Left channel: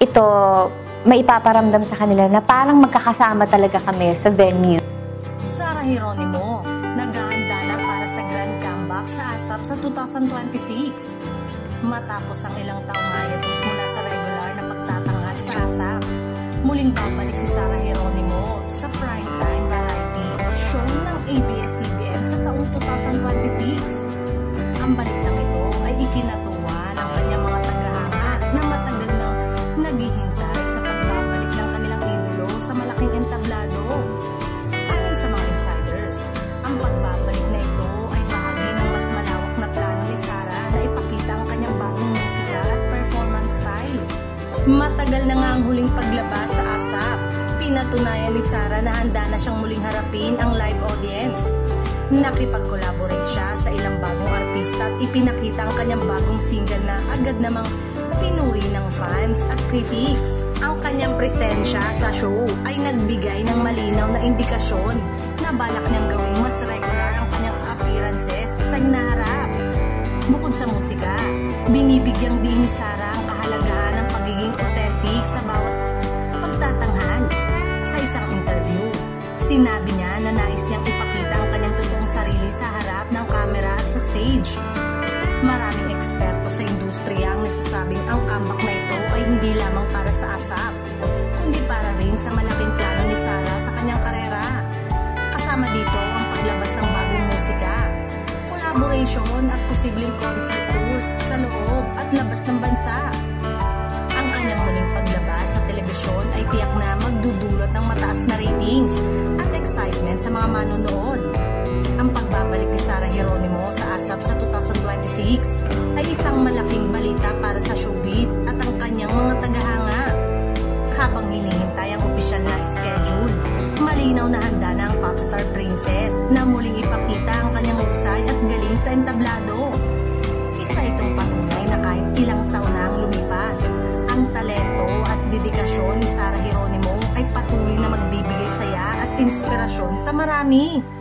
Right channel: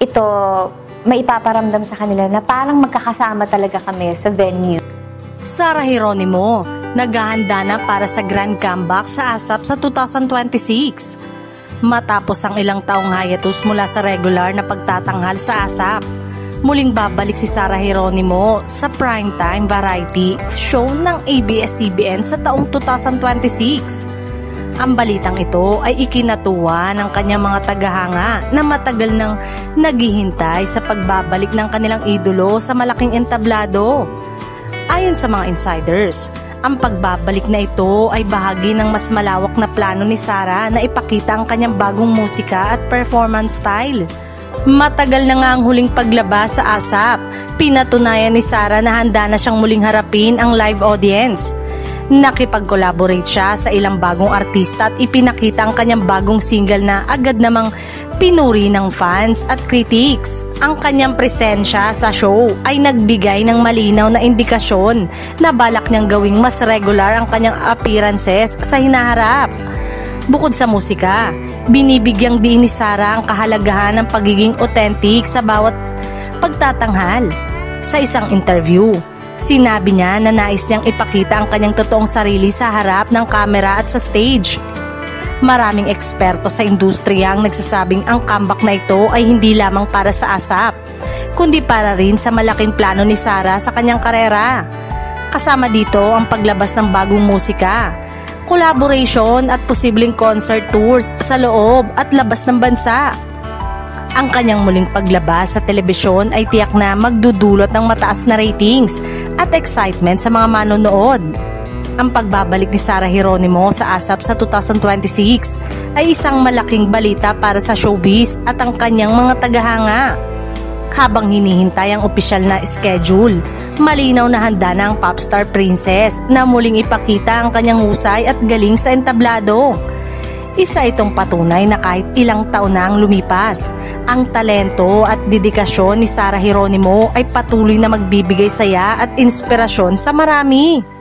ito maipaparamdam sa kanila na parang magkakasama talaga kami sa venue. Sarah Geronimo, naghahanda na para sa grand comeback sa ASAP sa 2026. Matapos ang ilang taong hiatus mula sa regular na pagtatanghal sa ASAP, muling babalik si Sarah Geronimo sa primetime variety show ng ABS-CBN sa taong 2026. Ang balitang ito ay ikinatuwa ng kanyang mga tagahanga na matagal nang naghihintay sa pagbabalik ng kanilang idolo sa malaking entablado. Ayon sa mga insiders, ang pagbabalik na ito ay bahagi ng mas malawak na plano ni Sarah na ipakita ang kanyang bagong musika at performance style. Matagal na nga ang huling paglabas sa ASAP, pinatunayan ni Sarah na handa na siyang muling harapin ang live audience. Nakipag-collaborate siya sa ilang bagong artista at ipinakita ang kanyang bagong single na agad namang pinuri ng fans at critics. Ang kanyang presensya sa show ay nagbigay ng malinaw na indikasyon na balak niyang gawing mas regular ang kanyang appearances sa hinaharap. Bukod sa musika, binibigyang din ni Sarah ang kahalagahan ng pagiging authentic sa bawat pagtatanghal. Sa isang interview, sinabi niya na nais niyang ipakita ang kanyang totoong sarili sa harap ng kamera at sa stage. Maraming eksperto sa industriya ang nagsasabing ang comeback na ito ay hindi lamang para sa ASAP, kundi para rin sa malaking plano ni Sarah sa kanyang karera. Kasama dito ang paglabas ng bagong musika, collaboration at posibleng concert tours sa loob at labas ng bansa. Ang kanyang muling paglabas sa telebisyon ay tiyak na magdudulot ng mataas na ratings at excitement sa mga manonood. Ang pagbabalik ni Sarah Geronimo sa ASAP sa 2026 ay isang malaking balita para sa showbiz at ang kanyang mga tagahanga. Habang hinihintay ang opisyal na schedule, malinaw na handa na ang popstar princess na muling ipakita ang kanyang husay at galing sa entablado. Isa itong patunay na kahit ilang taon na ang lumipas, ang talento at dedikasyon ni Sarah Geronimo ay patuloy na magbibigay saya at inspirasyon sa marami.